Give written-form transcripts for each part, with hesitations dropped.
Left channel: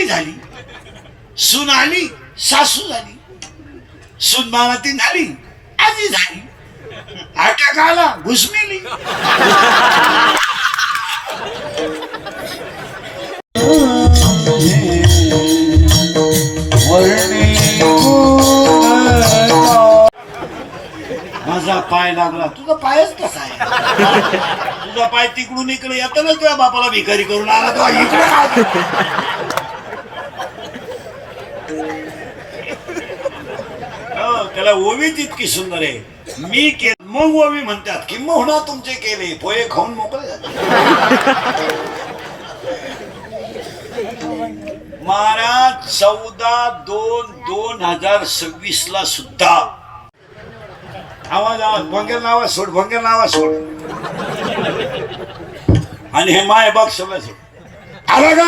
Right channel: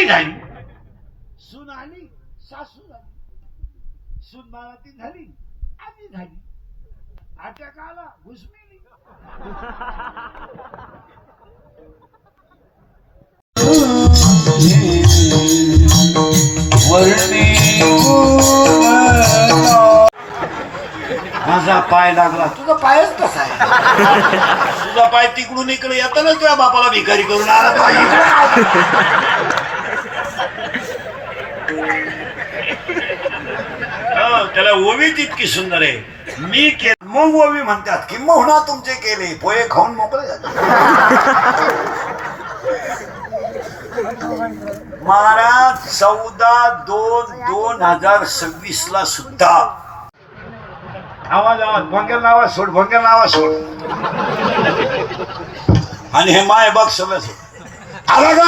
आजी झाली, सून आली सासू झाली, सून मामातीन झाली आजी झाली, अटॅक आला घुसमेली. माझा पाय लागला. तुझा पायच कसा आहे? तुझा पाय तिकडून इकडे येताना तुझ्या बापाला भिकारी करून आला तो त्याला ओवीच इतकी सुंदर आहे. मी केलं मग ओवी म्हणतात की मोहना तुमचे केले पोहे खाऊन मोकळे झाले. महाराज 14/2/2026 ला सुद्धा आवाज भंगेल नावा सोड, भंगेल नावा सोड. आणि हे माय बघ सगळं आला का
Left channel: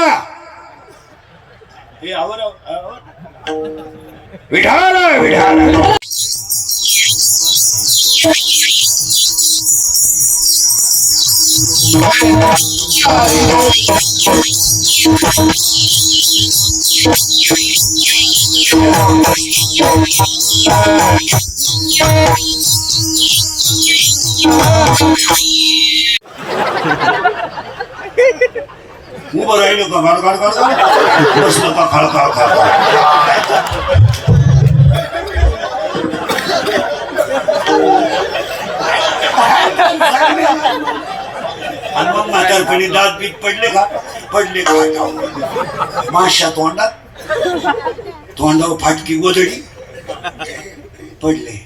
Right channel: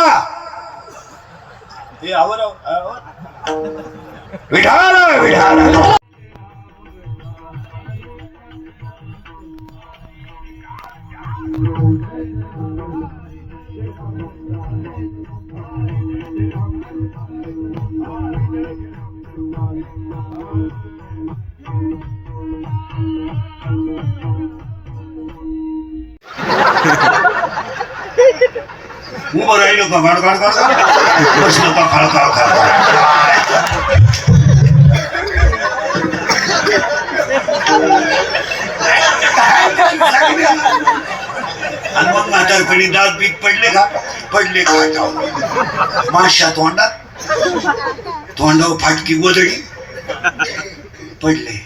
हे आवर विढाला विढाला. उभं राहिलो का गाड गाड गाड बसलो का खाळ खाळ खाळ. आणि मग म्हातारपणी दात बीत पडले का पडले का माशा तोंडात तोंडावर फाटकी गोदडी पडले.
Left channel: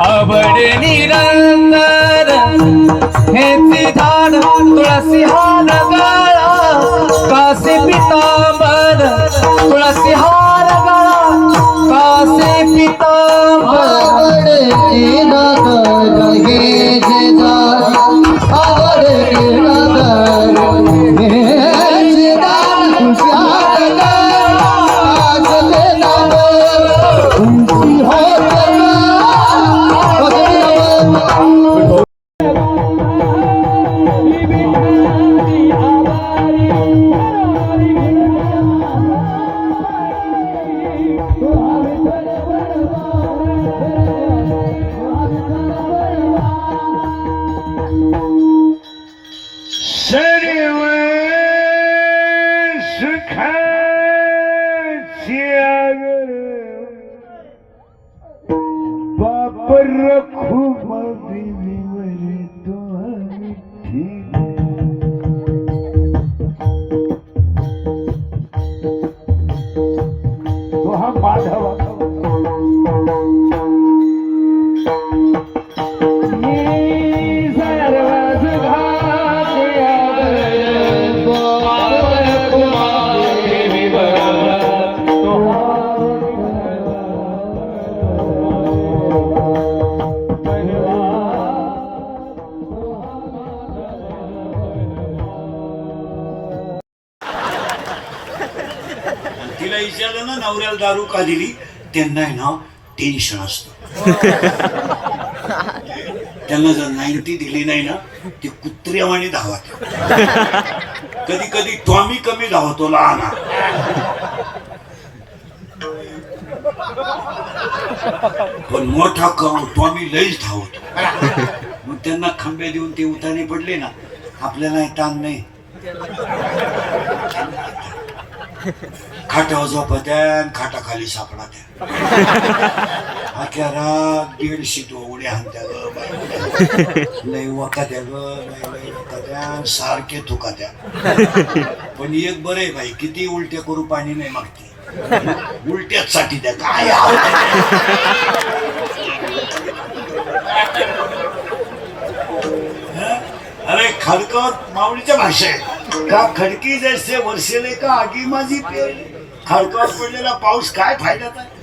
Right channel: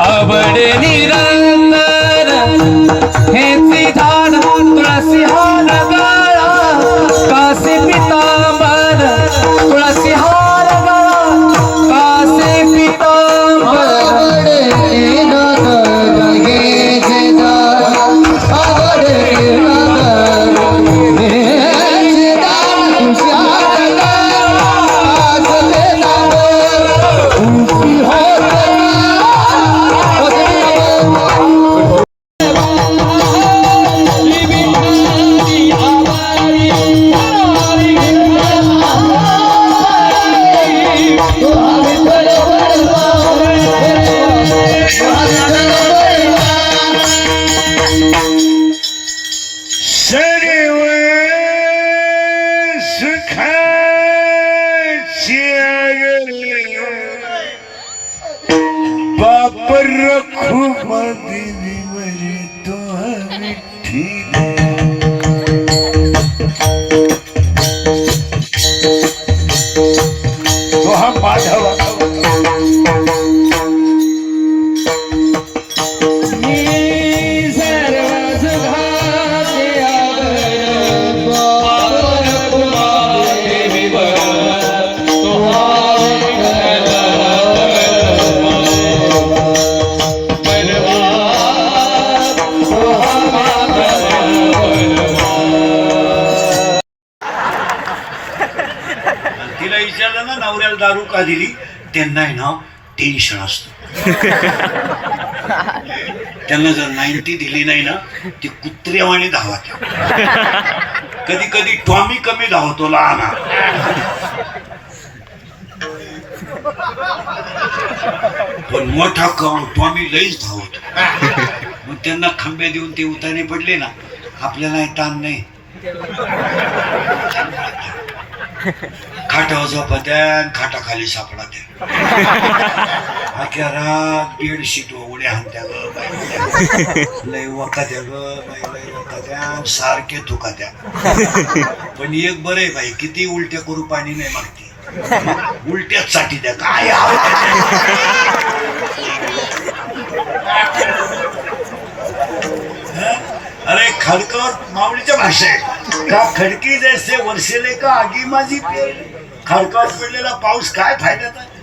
आवड निरंतर हेची झाड तुळसी हार गळा कासे पितांबर तुळसी हार गळा कासे पितांबर. तिला विचारलं ना नवऱ्याला दारू का दिली, त्यांना आहे ना टेन्शन असतं. त्यांना जर 90 दिली नाही ना ती कुत्र्यावाणी धावत. कधी कधी टॉमी कमी धावतो लहान, पण मोठा टॉमी लईच धावतो. मग त्यांना खंबे देऊन ते उतारे पडले ना, आपल्याला ताण नाही. खाटावर झोपत्या, खाटाखाली सापडा त्या, अख्या रात बेडशीट उड्या हाणत्या ग बाई, लय वकात्या ग बाई, लय वकात्या, सारखे थुकात्या. पण एक बरं आहे बाई, किती उलट्या करू पाणी नाही मागते, उलट्याच साठी द्या काय. अरे खडकर माऊलीच्या भाषा आहे का, खडकी जैसे वर्षेले का आगी माझी पेरली. खडकावर पडलेला पाऊस काय फायद्याचा आहे.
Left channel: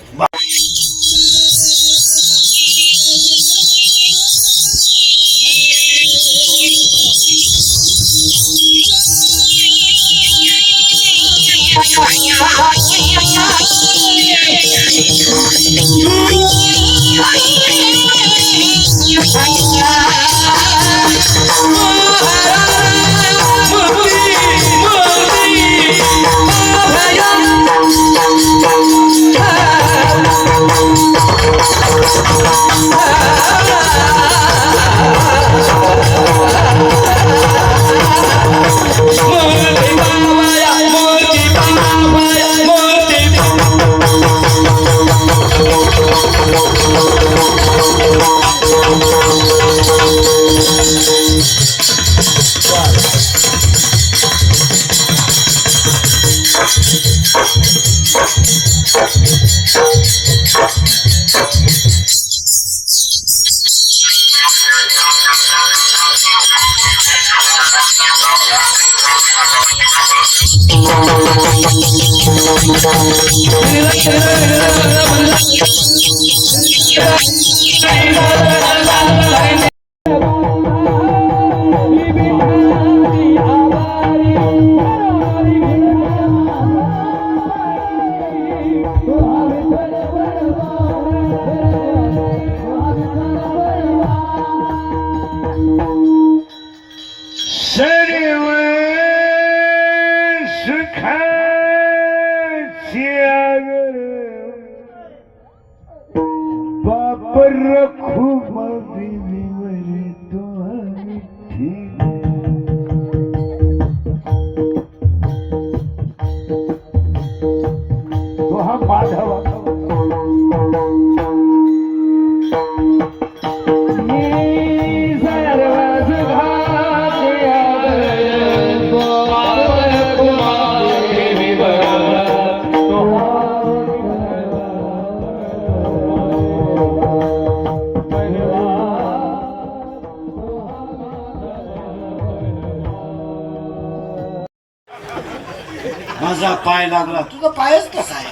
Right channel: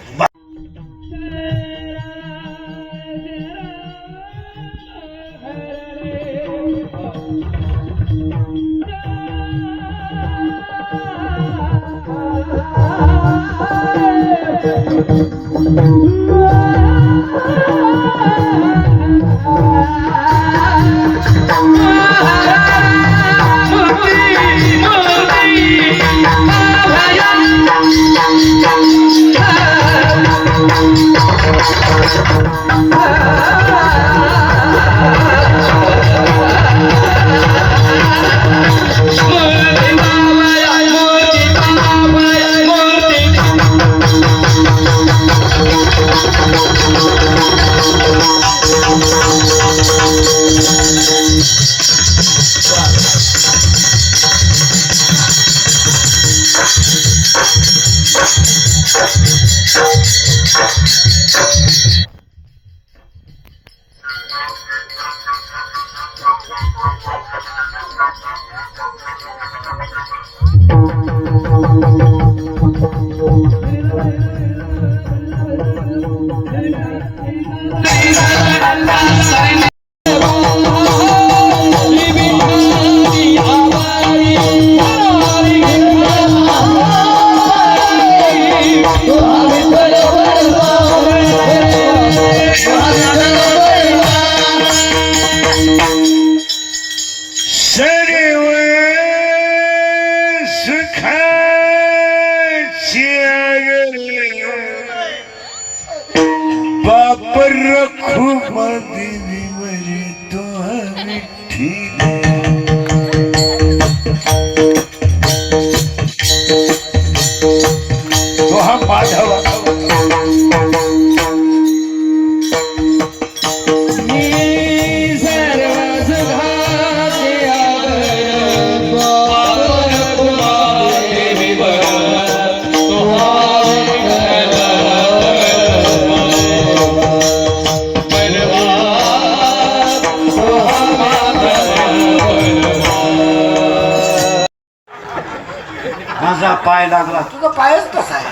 माझा पाय लागला, तुझा पायच कसा आहे.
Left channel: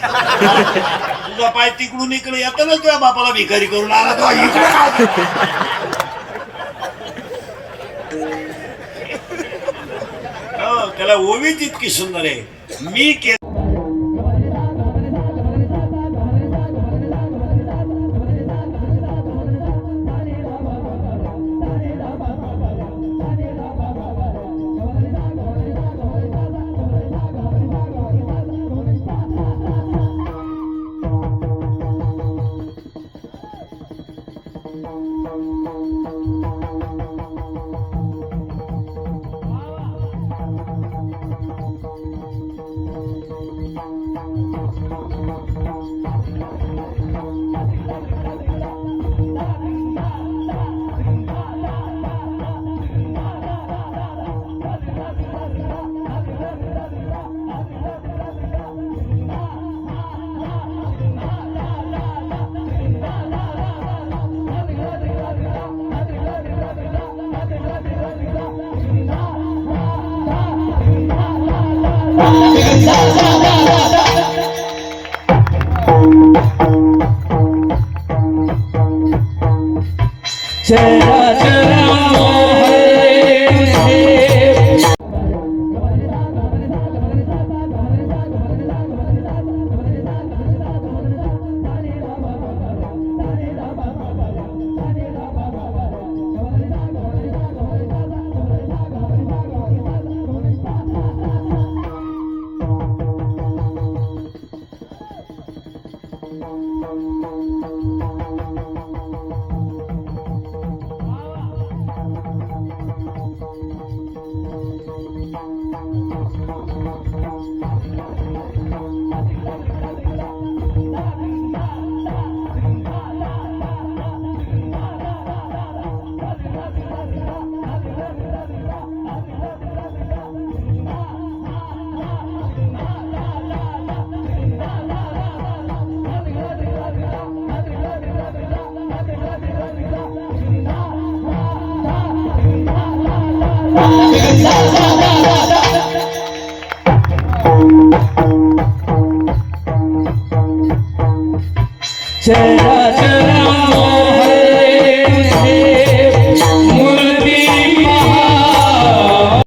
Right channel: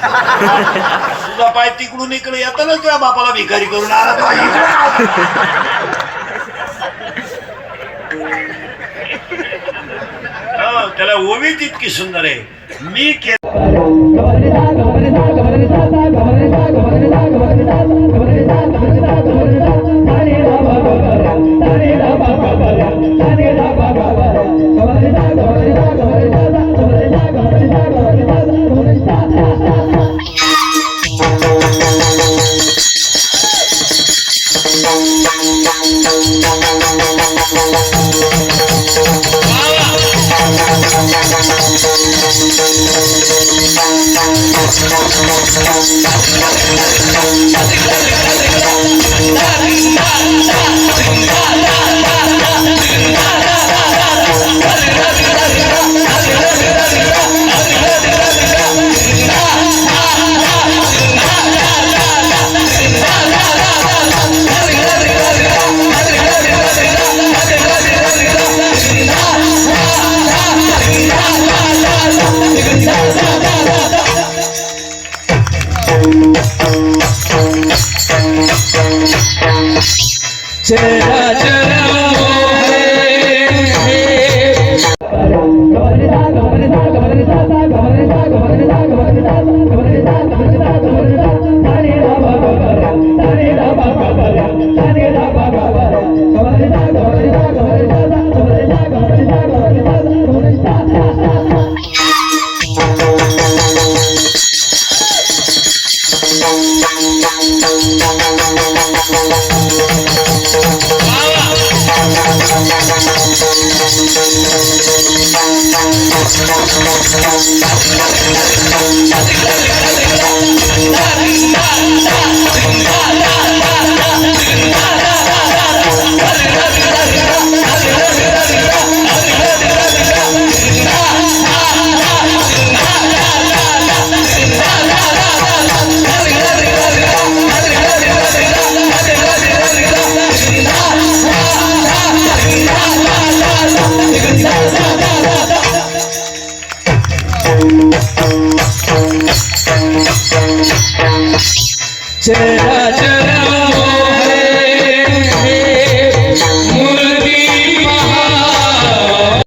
तुझा पाय तिकडून इकडे येताना तुझ्या बापाला भिकारी करून आला तो इकडे. त्याला ओवीच इतकी सुंदर आहे. मी चरा चरा हो चरा चरा